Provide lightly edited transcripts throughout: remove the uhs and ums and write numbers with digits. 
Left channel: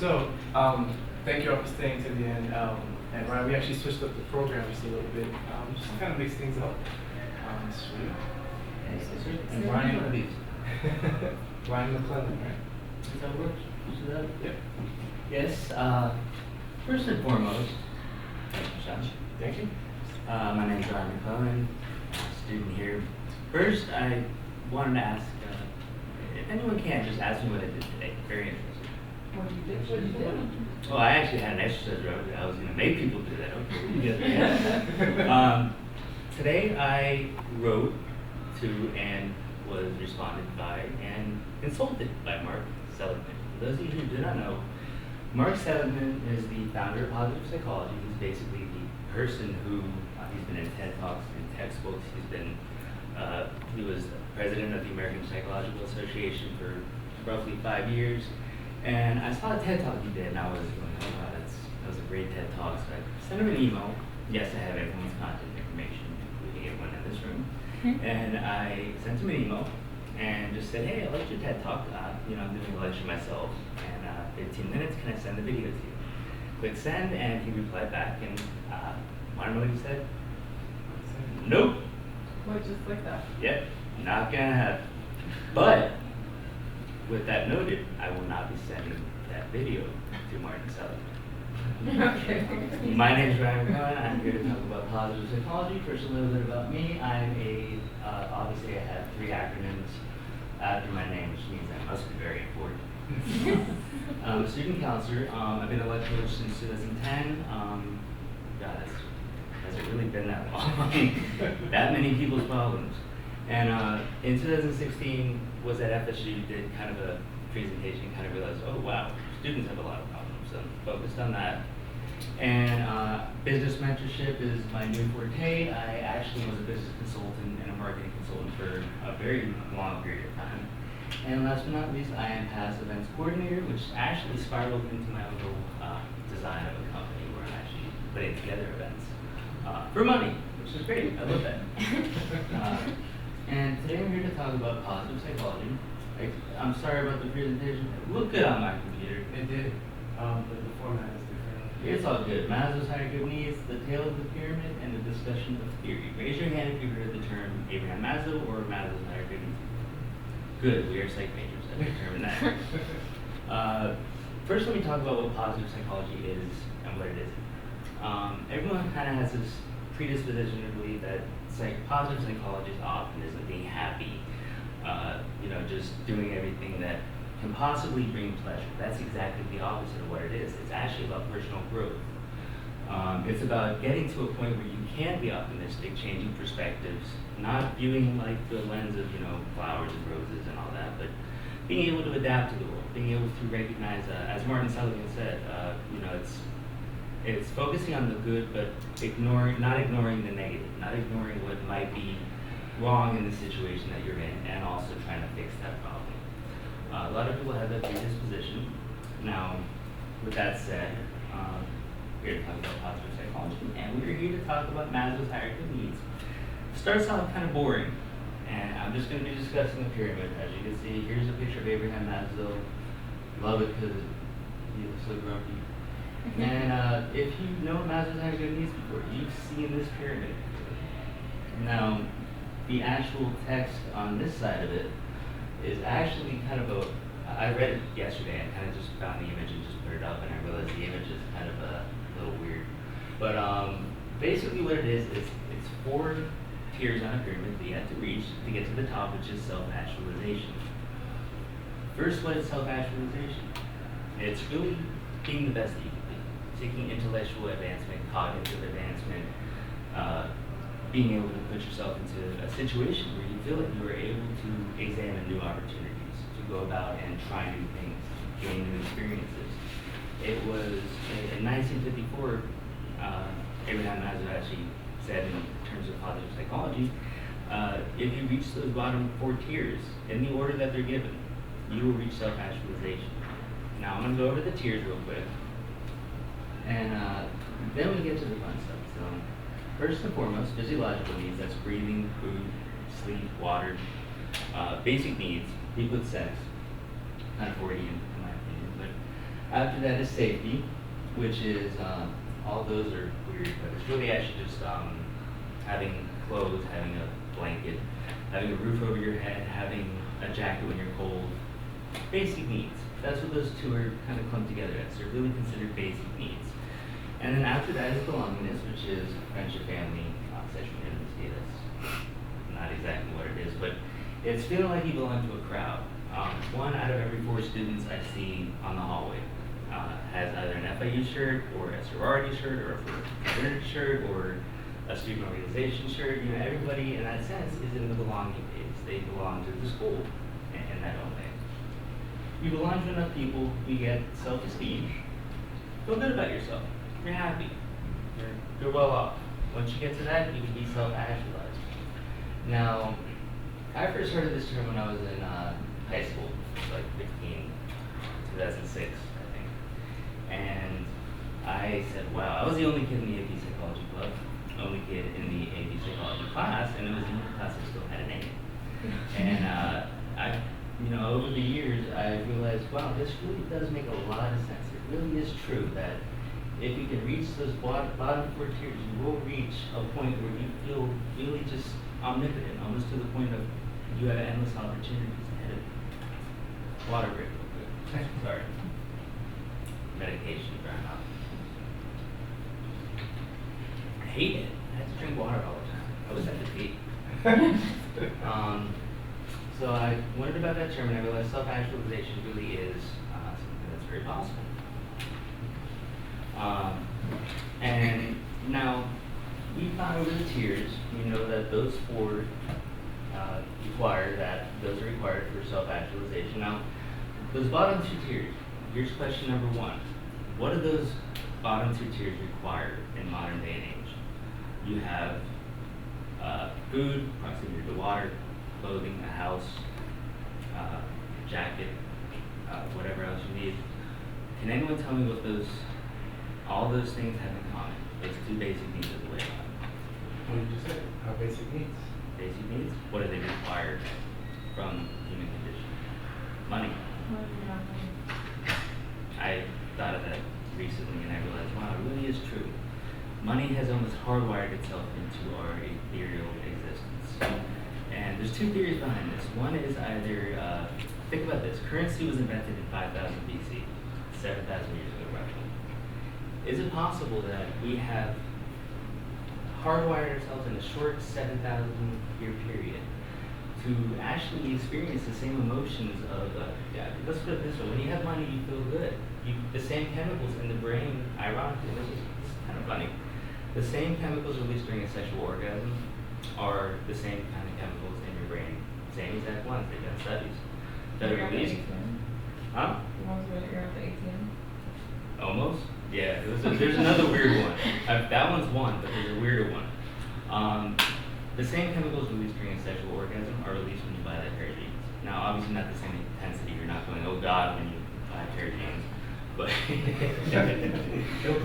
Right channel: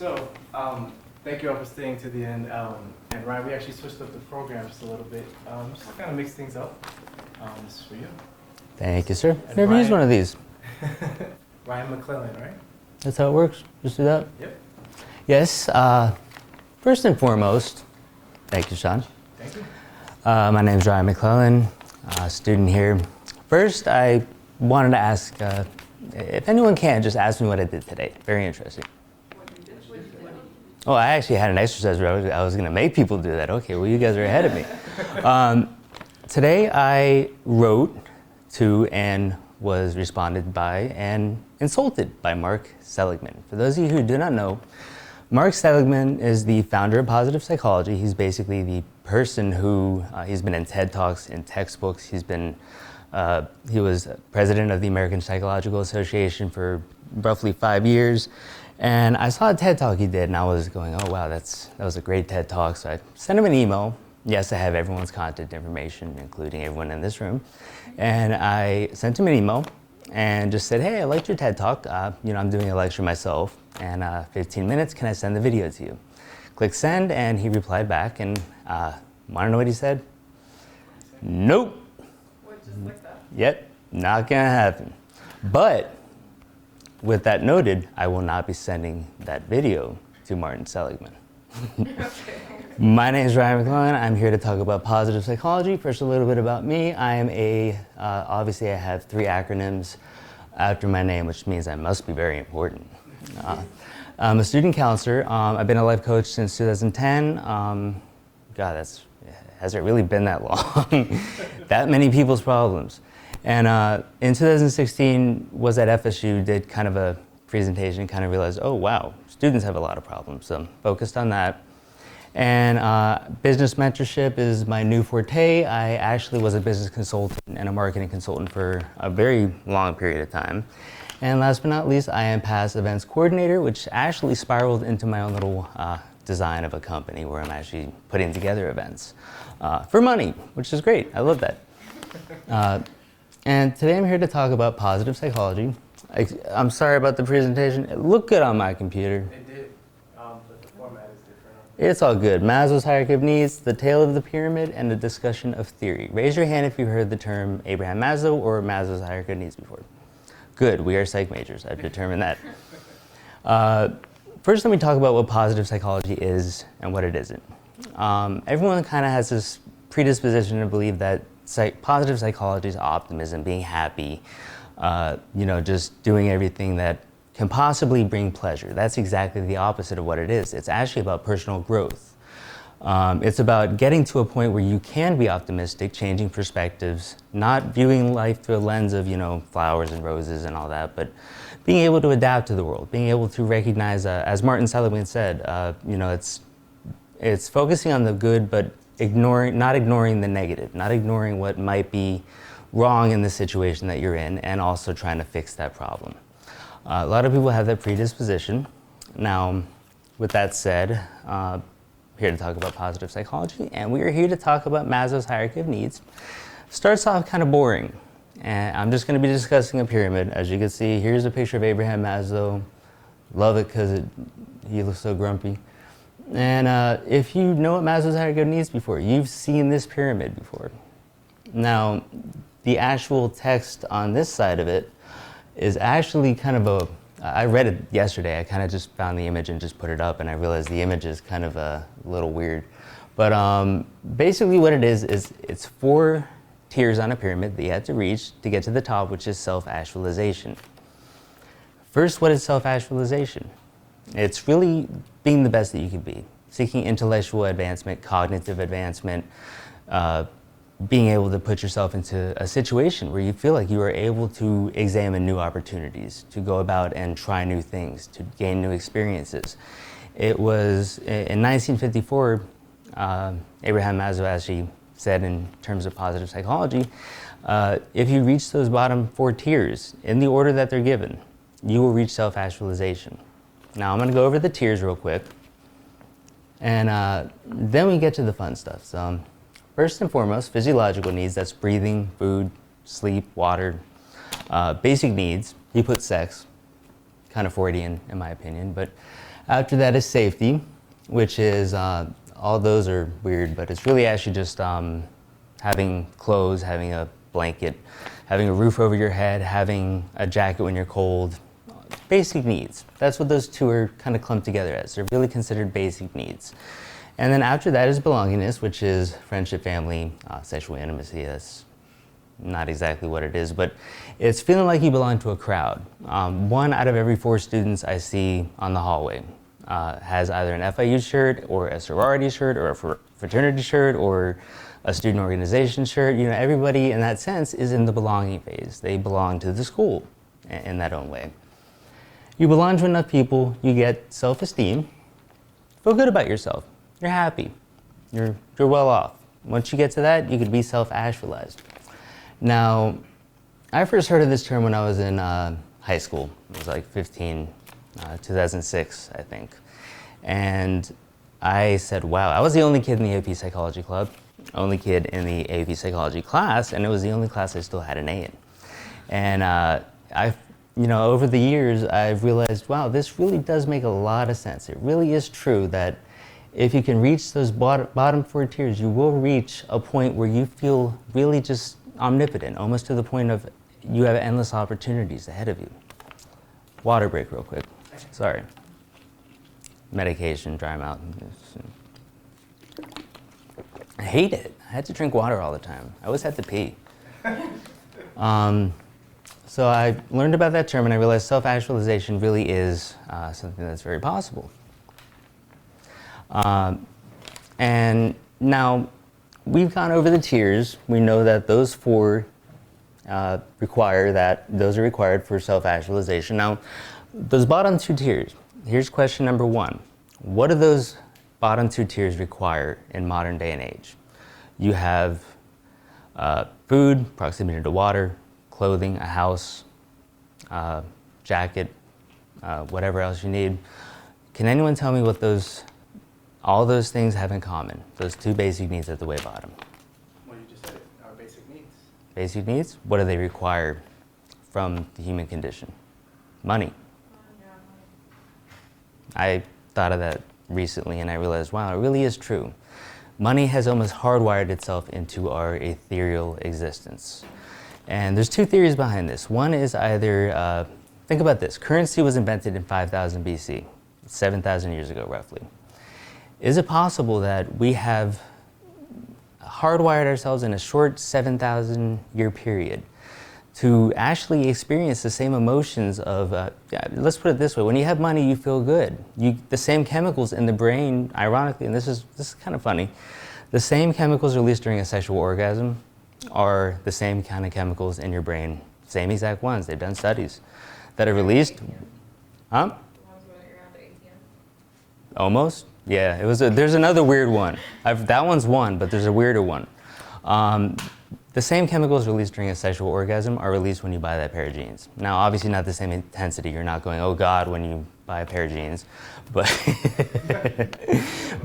So, thank you all for staying to the end. And Ryan, we actually switched up the program just a little bit, just to kind of mix things up. Thank you, sir. Never used one of these. Ryan McClellan, right? That's how it works. Just do that. Yep. Yes. First and foremost, thank you, Sean. Thank you. My name is Ryan McClellan, student here. First, I wanted to ask if anyone can just ask me what I did today. Very interesting. What did you do? Oh, I actually had an exercise where I was going to make people do that. Okay, well, you guys are ahead of me. Today, I wrote to and was responded by and insulted by Mark Seligman. For those of you who do not know, Mark Seligman is the founder of positive psychology. He's basically the person who, he's been in TED Talks, in textbooks. He was president of the American Psychological Association for roughly 5 years. And I saw a TED Talk he did, and I was going, oh wow, that was a great TED Talk. So I sent him an email. Yes, I have everyone's contact information, including everyone in this room. And I sent him an email and just said, hey, I liked your TED Talk. I'm doing a lecture myself, and 15 minutes, can I send the video to you? Click send, and he replied back, and want to know what he said? Nope. What, just like that? Yep, not gonna happen. But with that noted, I will not be sending that video to Martin Seligman. Okay. My name is Ryan McClellan. I'm here to talk about positive psychology. First, a little bit about me. I am obviously I have 3 acronyms after my name, which means I must be very important. I'm a student counselor. I've been a life coach since 2010. God, has it really been that long? That many people's problems. And in 2016, was at FSU, did kind of a presentation, kind of realized, oh wow, students have a lot of problems, so focused on that. And business mentorship is my new forte. I actually was a business consultant and a marketing consultant for a very long period of time. And last but not least, I am P.A.S.S events coordinator, which actually spiraled into my own little design of a company where I'm actually putting together events for money, which is great. I love that. And today I'm here to talk about positive psychology. I'm sorry about the presentation. It looked good on my computer. It did, but the format is different. It's all good. Maslow's Hierarchy of Needs, the tail of the pyramid, and the discussion of theory. Raise your hand if you've heard the term Abraham Maslow or Maslow's Hierarchy of Needs before. Good, we are psych majors. I've determined that. First, let me talk about what positive psychology is and what it isn't. Everyone kind of has this predisposition to believe that positive psychology is optimism, being happy, just doing everything that can possibly bring pleasure. That's exactly the opposite of what it is. It's actually about personal growth. It's about getting to a point where you can be optimistic, changing perspectives, not viewing life through a lens of, flowers and roses and all that, but being able to adapt to the world, being able to recognize, as Martin Seligman said, it's focusing on the good, but not ignoring the negative, not ignoring what might be wrong in the situation that you're in, and also trying to fix that problem. A lot of people have that predisposition. Now, with that said, here to talk about positive psychology, and we are here to talk about Maslow's Hierarchy of Needs. Starts off kind of boring, and I'm just going to be discussing a pyramid. As you can see, here's a picture of Abraham Maslow. Love it because he looks so grumpy. And if you know what Maslow's Hierarchy of Needs before, you've seen this pyramid before. Now, the actual text on this side of it is actually kind of I read it yesterday. I kind of just found the image and just put it up, and I realized the image is kind of a little weird. But basically what it is it's 4 tiers on a pyramid that you have to reach to get to the top, which is self-actualization. First, what is self-actualization? It's really being the best that you can be, seeking intellectual advancement, cognitive advancement, being able to put yourself into a situation where you feel like you are able to examine new opportunities, to go about and try new things, to gain new experiences. It was in 1954, Abraham Maslow actually said in terms of positive psychology, if you reach those bottom 4 tiers in the order that they're given, you will reach self-actualization. Now I'm going to go over the tiers real quick, and then we get to the fun stuff. So, first and foremost, physiological needs, that's breathing, food, sleep, water, basic needs. You put sex, kind of Freudian in my opinion, but After that is safety, which is, all those are weird, but it's really actually just having clothes, having a blanket, having a roof over your head, having a jacket when you're cold. Basic needs. That's what those two are kind of clumped together as. They're really considered basic needs. And then after that is belongingness, which is friendship, family, sexual intimacy. That's not exactly what it is, but it's feeling like you belong to a crowd. 1 out of every 4 students I see on the hallway has either an FIU shirt or a sorority shirt or a fraternity shirt or a student organization shirt. You know, everybody in that sense is in the belonging phase. They belong to the school in that own way. You belong to enough people, you get self-esteem, feel good about yourself. You're happy. You're well off. Once you get to that, you could be self-actualized. Now, I first heard of this term when I was in high school. It was like 2006, I think. And I said, wow, I was the only kid in the AP Psychology Club, only kid in the AP Psychology class, and it was the only class I still had an A in. And over the years, I've realized, wow, this really does make a lot of sense. It really is true that if you can reach those bottom 4 tiers, you will reach a point where you feel really just omnipotent, almost to the point of you have endless opportunities ahead of you. Water break real quick. Sorry. Medication, dry mouth. I hate it. I had to drink water all the time. I always had to pee. So I learned about that term and I realized self-actualization really is something that's very possible. And now we've gone over the tiers. We know that those 4 those are required for self-actualization. Now, those bottom 2 tiers, here's question number 1. What do those bottom 2 tiers require in modern day and age? You have food, proximity to water, clothing, a house, jacket, whatever else you need. Can anyone tell me what all those things have in common? Those 2 basic needs at the way bottom. What did you say? Our basic needs. Basic needs? What do they require from the human condition? Money. I thought of that recently and I realized, wow, it really is true. Money has almost hardwired itself into our ethereal existence. And there's 2 theories behind this. One is either, think about this, currency was invented in 5000 BC, 7,000 years ago roughly. Is it possible that we have hardwired ourselves in a short 7,000 year period to actually experience the same emotions of, let's put it this way, when you have money, you feel good. The same chemicals in the brain, ironically, and this is kind of funny, the same chemicals released during a sexual orgasm are the same kind of chemicals in your brain, same exact ones. They've done studies that are released. Huh? The ones where you're at the ATM? Almost. Yeah, there's another weird one. That one's one, but there's a weirder one. The same chemicals released during a sexual orgasm are released when you buy that pair of jeans. Now, obviously not the same intensity. You're not going, oh God, when you buy a pair of jeans. But,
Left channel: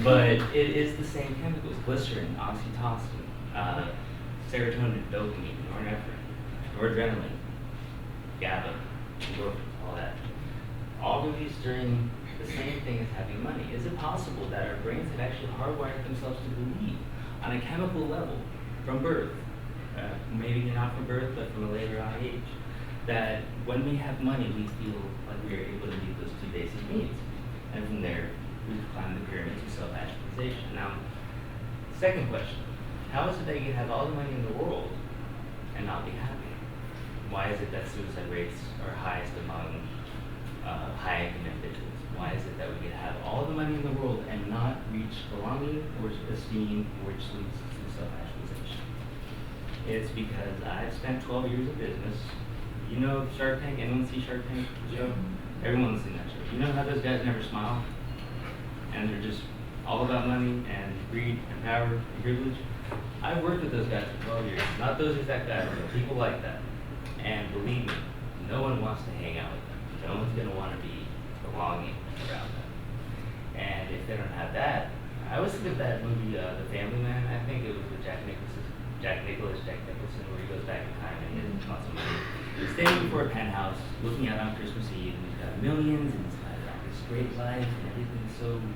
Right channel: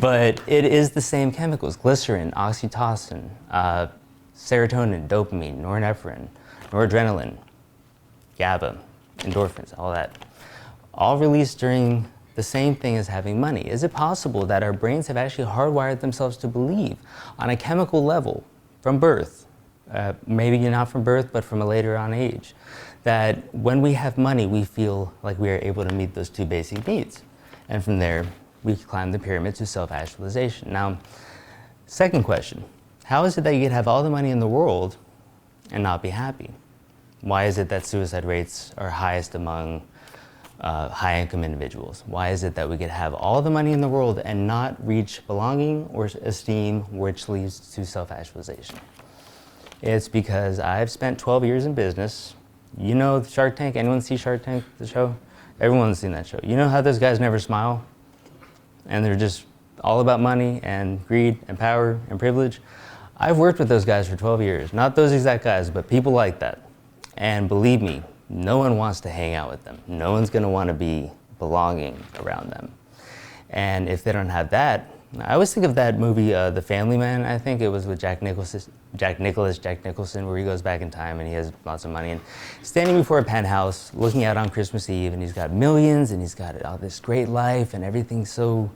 but it is the same chemicals: glycerin, oxytocin, serotonin, dopamine, norepinephrine, noradrenaline, GABA, endorphins, all that. All released during the same thing as having money. Is it possible that our brains have actually hardwired themselves to believe on a chemical level from birth, maybe not from birth, but from a later on age, that when we have money, we feel like we are able to meet those 2 basic needs? And from there, we climb the pyramid to self-actualization. Now, second question, how is it that you can have all the money in the world and not be happy? Why is it that suicide rates are highest among high-income individuals? Why is it that we could have all the money in the world and not reach belonging or esteem, which leads to self-actualization? It's because I've spent 12 years in business. You know Shark Tank? Anyone see Shark Tank, the show? Everyone's seen that show. You know how those guys never smile? And they're just all about money and greed and power and privilege? I've worked with those guys for 12 years. Not those exact guys, but people like that. And believe me, no one wants to hang out with them. No one's going to want to be belonging around them. And if they don't have that, I always think of that movie, The Family Man. I think it was with Jack Jack Nicholson, where he goes back in time and he has lots of money. And he's standing before a penthouse, looking out on Christmas Eve, and he's got millions, and he's got all this great life, and everything's so,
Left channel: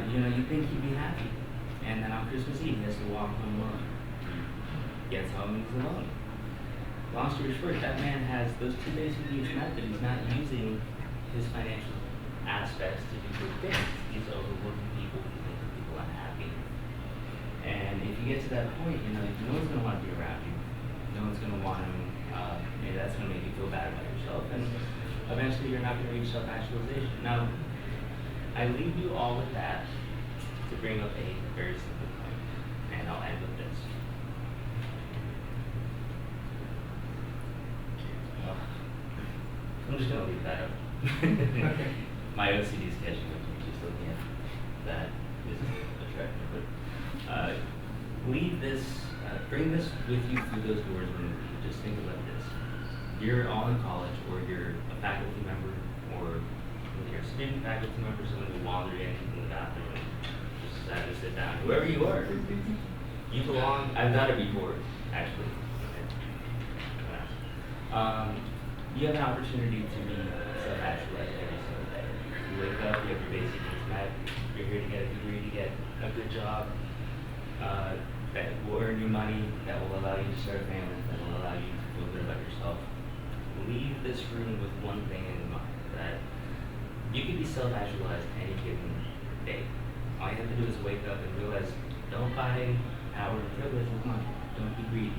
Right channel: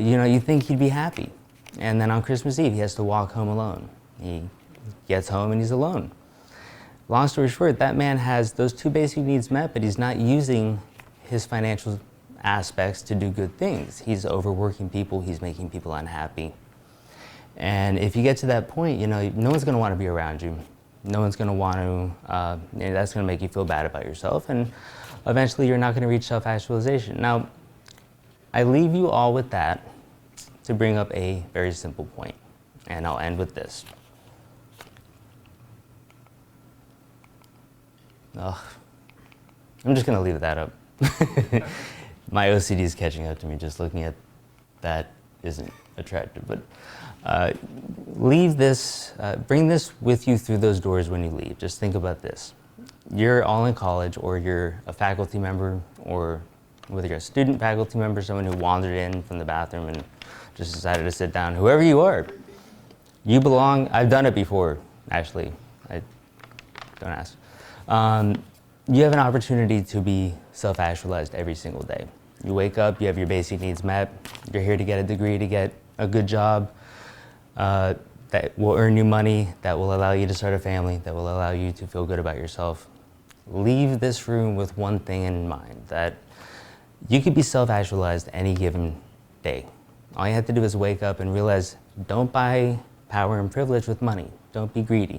you think he'd be happy. And then on Christmas Eve, he has to walk home alone. He gets home and he's alone. Long story short, that man has those two basic needs met, but he's not using his financial aspects to do good things. He's overworking people, he's making people unhappy. And if you get to that point, no one's going to want to be around you. No one's going to want to, that's going to make you feel bad about yourself, and eventually you're not going to reach self-actualization. Now, I leave you all with that to bring up a very simple point, and I'll end with this. Oh, I'm just going to leave that up. My OCD is catching up to me. Just looking at that isn't attractive. But leave this, bring this with you through those doors when you leave. Just think about this. You're all in college, or you're a faculty member, or whether you're a student faculty member, someone who wandered in from the bathroom and just decided to sit down, whoever you are, you belong. I've done it before, actually. Don't ask. You have an opportunity to be self-actualized every single day. You wake up, you have your basic needs met, you're here to get a degree, to get a good job that will earn you money, that will allow you to start a family, that will allow you to feel good about yourself. Leave this room with one thing in mind, that you could be self-actualized any given day. All you have to do is wake up and realize, don't buy power and privilege with money. Don't be greedy.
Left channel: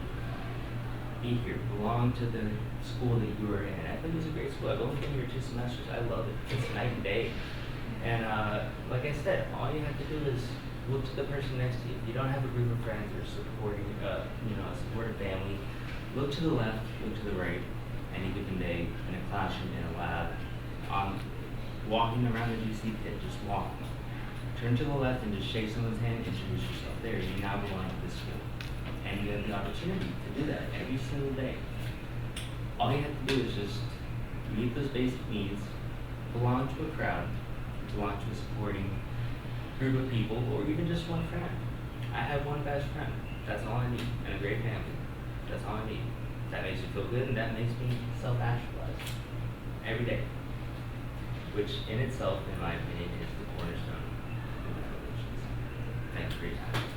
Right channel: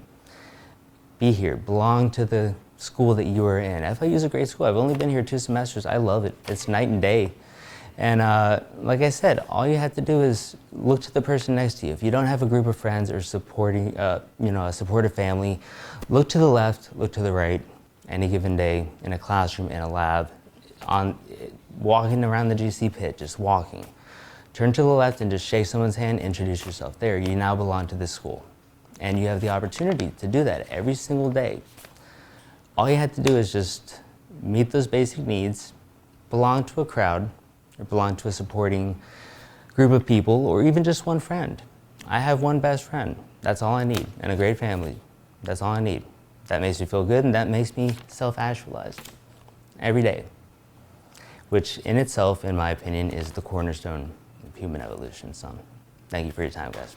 Be here, belong to the school that you are in. FIU is a great school. I've only been here 2 semesters. I love it. It's night and day. And like I said, all you have to do is look to the person next to you. If you don't have a group of friends or supporting, a supportive family, look to the left, look to the right, any given day, in a classroom, in a lab, walking around the GC pit, just walking. Turn to the left and just shake someone's hand, introduce yourself. There, you now belong to this school. And you have the opportunity to do that every single day. All you have to do is just meet those basic needs, belong to a crowd, or belong to a supporting group of people, or even just one friend. I have one best friend. That's all I need. And a great family. That's all I need. That makes me feel good, and that makes me self-actualized every day, which in itself, in my opinion, is the cornerstone of human evolution. So thank you for your time, guys.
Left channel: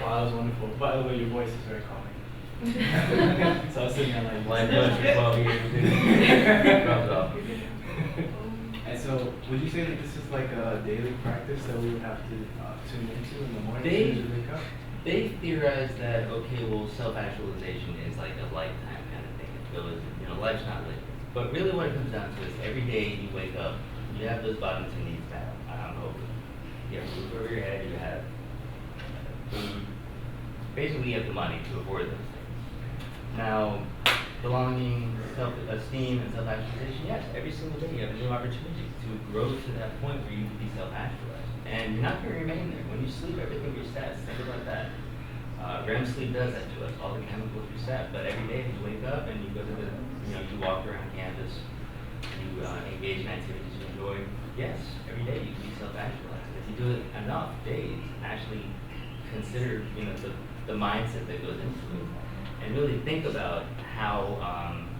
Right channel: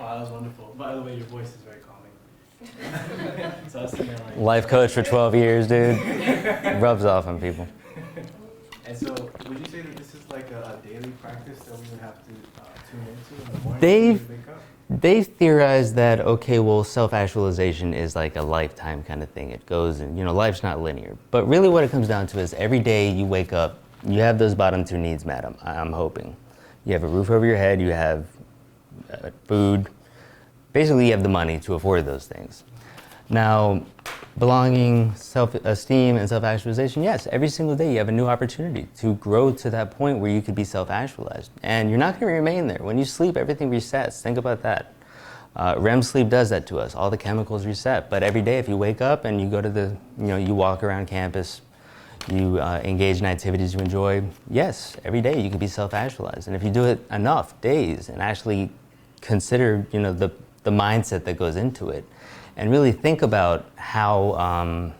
Wow, that was wonderful. By the way, your voice is very calming. So I was sitting there like... Life coach for 12 years, dude. Rubs off on people. And so, would you say that this is like a daily practice that we would have to tune into in the morning? to wake up? They've theorized that, okay, well, self-actualization is like a lifetime kind of thing. It goes, and life's not linear. But really what it comes down to is every day you wake up, you have those bottom 2 needs met, I'm hoping. You have a roof over your head, you have food. Basically, you have the money to afford those things. Now, belonging, self-esteem, and self-actualization, yes, every single day you have a new opportunity to grow to that point where you could be self-actualized. And you're not going to remain there. When you sleep, everything resets. Think about that. REM sleep does that to us. All the chemicals reset. But every day, if you wake up and you go to you walk around campus, you engage in activities you enjoy, yes, every day you can be self-actualized. And if you do it enough days and actually consider, the mindset that goes into it, and really think about how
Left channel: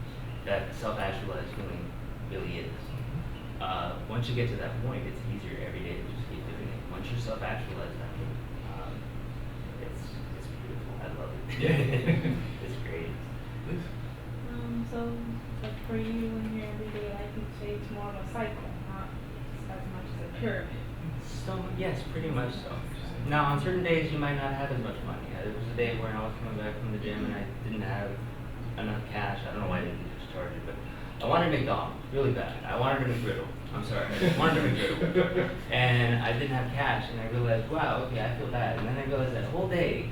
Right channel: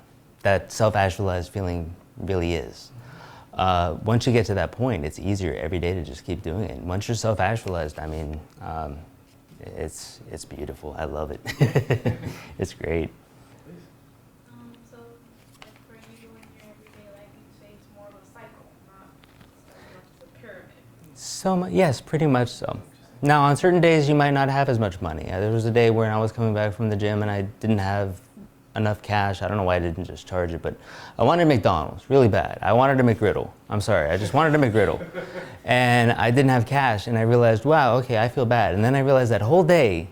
that self-actualized feeling really is. Once you get to that point, it's easier every day to just keep doing it. Once you're self-actualized, it's beautiful. I love it. It's great. So, like for you, when you're in everyday life, you'd say it's more of a cycle, not as much as a pyramid. Yes, pretty much so. Now, on certain days, you might not have as much money. There was a day when I was coming back from the gym and I didn't have enough cash. I don't know why I didn't just charge it, but I wanted a McDonald's really bad. I wanted a McGriddle. I'm sorry, I just wanted a McGriddle. And I didn't have cash, and I realized, wow, okay, I feel bad. And then I realized that whole day,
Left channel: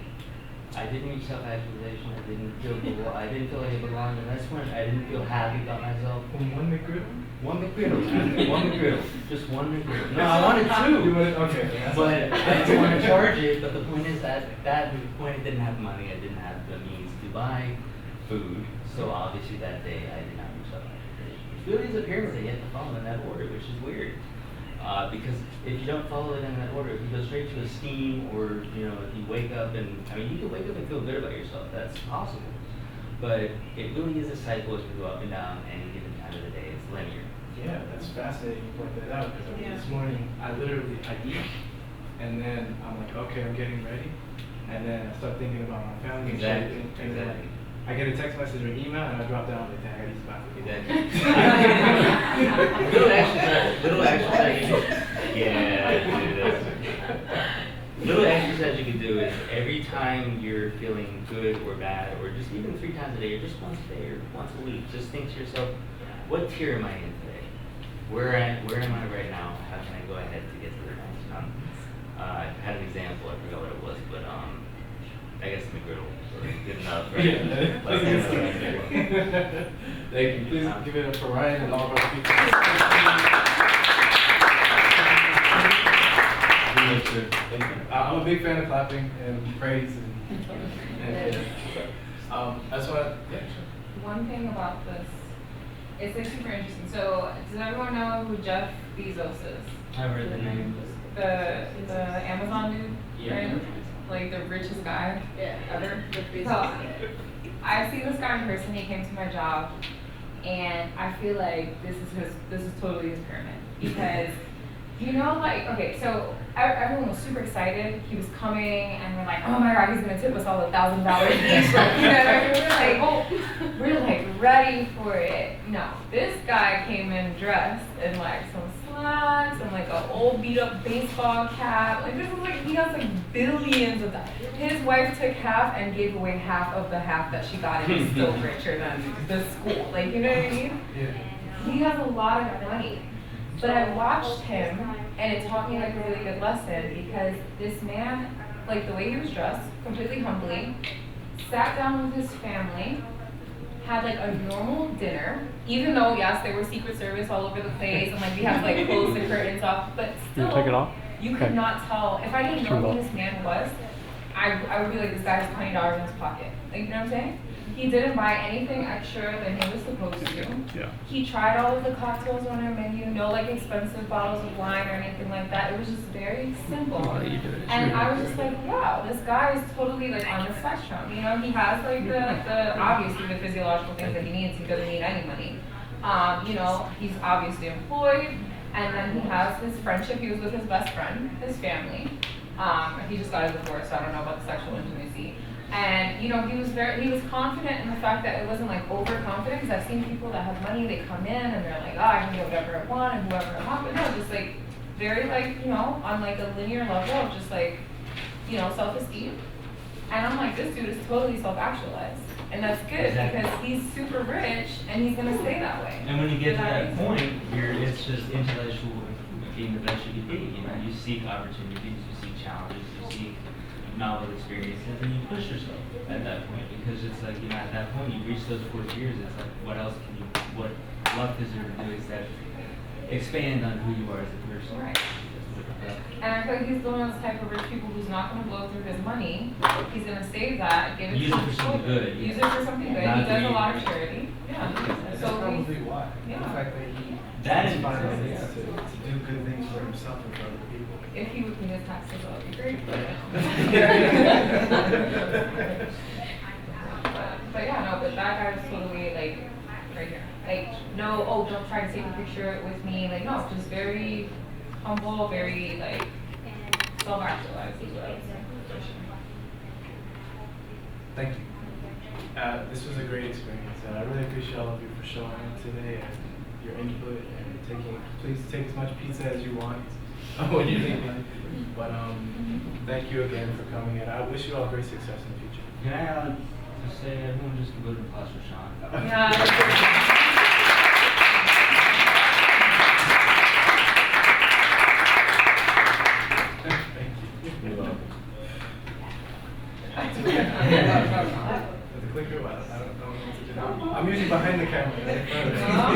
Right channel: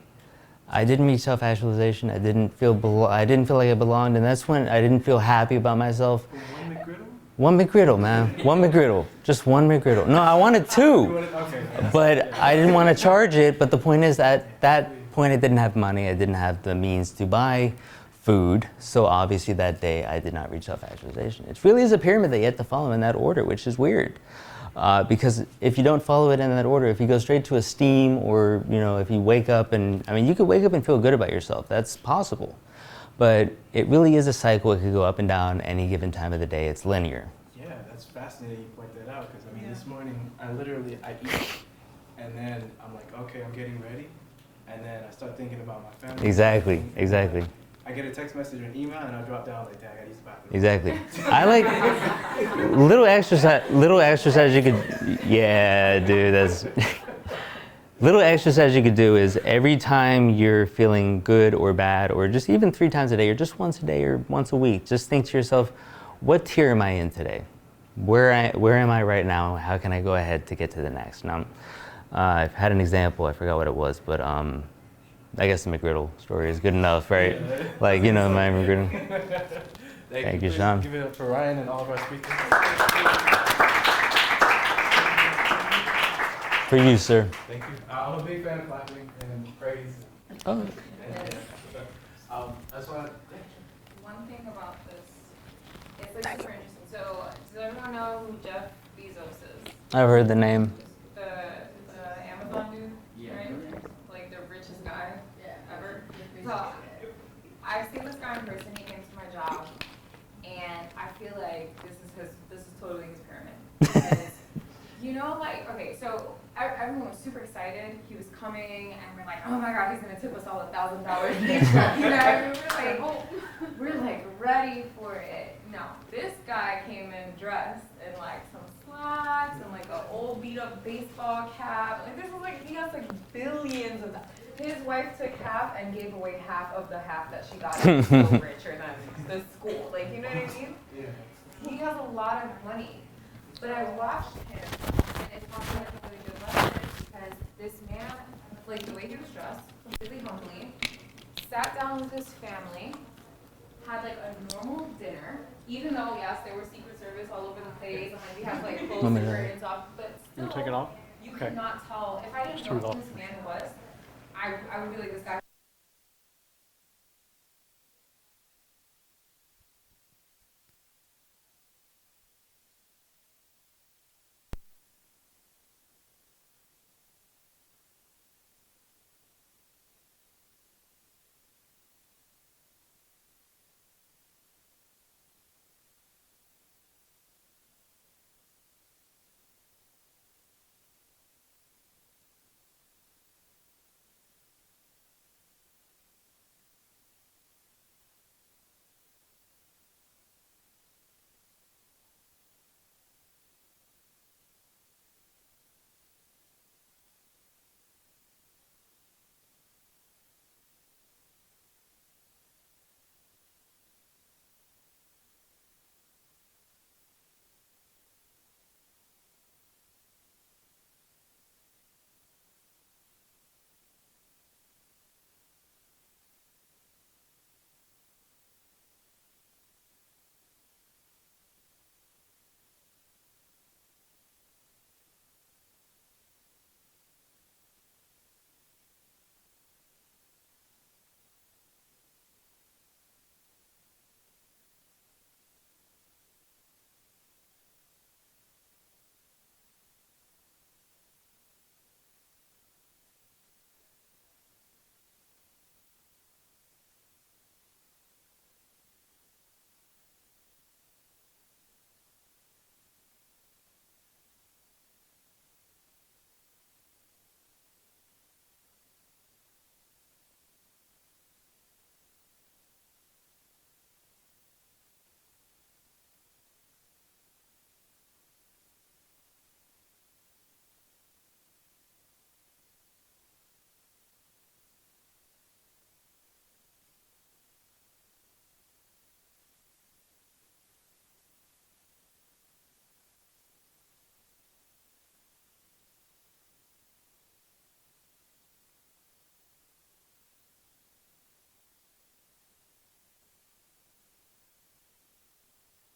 I didn't reach self-actualization. I didn't feel like I belonged, and that's when I didn't feel happy about myself. One McGriddle? One McGriddle, man. One McGriddle. Just one McGriddle. No, I wanted 2. But I didn't want to charge it. But the point is that at that point I didn't have money. I didn't have the means to buy food. So obviously that day I did not reach self-actualization. It really is a pyramid that you have to follow in that order, which is weird. Because if you don't follow it in that order, if you go straight to esteem, or if you wake up and you could wake up and feel good about yourself. That's possible, but it really is a cycle. It could go up and down any given time of the day. It's linear. Yeah, that's fascinating you point that out, because this morning I eat, and then I'm like, okay, I'm getting ready, and then I start thinking about my family. Exactly. I get a text message or email, and I drop down like, dang, I need to bathroom. Exactly. I like little exercise you could. Yeah, dude, that's. Little exercise you could do is every time you're feeling good or bad, or just even 3 times a day, or just once a day or once a week, just think to yourself, what tier am I in today? Where am I right now? How can I go ahead to get to the next? Now, I've had an example. I forgot what it was, but I guess the McGriddle story is good enough, right? Yeah. Like, my McGriddle. Thank you, Sean. Give it up for Ryan and all of our speakers. For you, sir. Thank you. I'm a big fan of clapping and praise. And that's what One thing about this, it's like super interesting. So, does everyone know who Jeff Bezos is? I've heard the name. The Amazon dude, right? Like the richest guy ever. So, I've seen this guy in person. He came to my job, and I feel like this is totally his pyramid, because okay, so everyone was super excited. He was coming, and we're like, oh my God, he's gonna tip us all $1,000 each. We're like ready for it. No, this guy came in dressed in like some slacks and like an old beat up baseball cap. Like this is like, he has like billions of that. His wife took half and gave away half of the half that she got. He's still richer than the school. Like, you know what I mean? Yeah. He has a lot of money. But I watched him, and it taught me like a really good lesson, because this man, like the way he was dressed, completely humbly, sat down with his family, had like a normal dinner, even though yes, there were Secret Service all over the place, and like we have like clothes and curtains off, but still, take it off? you could not tell. If I didn't know who this man was, I would be like, this guy has $20 in his pocket. Like, you know what I'm saying? He didn't buy anything extra than he was supposed to. Yeah. He tried all of the cocktails on our menu, no like expensive bottles of wine or anything like that. It was just very simple. And I was just like, wow, this guy is totally like on the spectrum. He has like the obviously the physiological things that he needs. He doesn't need any money. He's obviously employed, and then he has his friendship. He was with his best friend, his family. He just got a divorce, so I don't know about the sexual intimacy. And he was confident in the fact that it wasn't like overconfident, because I've seen people that have money, they come in and they're like, I can get whatever I want and whoever I want, but no, just like very like, on like a linear level of just like, self-esteem. And I'm like, this dude is totally self-actualized. And that's good, because he's super rich and he's gonna stay that way. And when you get to that point, it's just intellectual being the best you can be. You seek opportunities, you seek challenges, you seek novel experiences, and you push yourself at that point, because it's like, at that point you reach those 4 years, it's like, what left is there to do except expand on who you are as a person. Right. And I feel like he's one of those type of rich people who's not going to blow through his money. He's going to save that, give it Use to it for something good. Use it for something good. He does a lot of charity. Yeah. That's So probably why. Yeah. The fact that he That is finances to do good things for himself and for other people. if he would pay his taxes, that would be great. But yeah, no, but that guy was totally like right here. Like, no, don't try to take a picture with me. Like, no, just very humble, very like self-actualized as well. Thank you. This was a great experience. I really appreciate all of you for showing up today and your input and please take as much pizza as you want when you're leaving. But thank you again for coming, and I wish you all great success in the future. Can I just say everyone just go to the class with Sean? Yeah. The clicker, I don't know what to do. I'm usually behind the camera.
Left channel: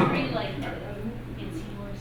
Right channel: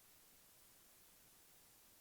Pretty like in Seymour's.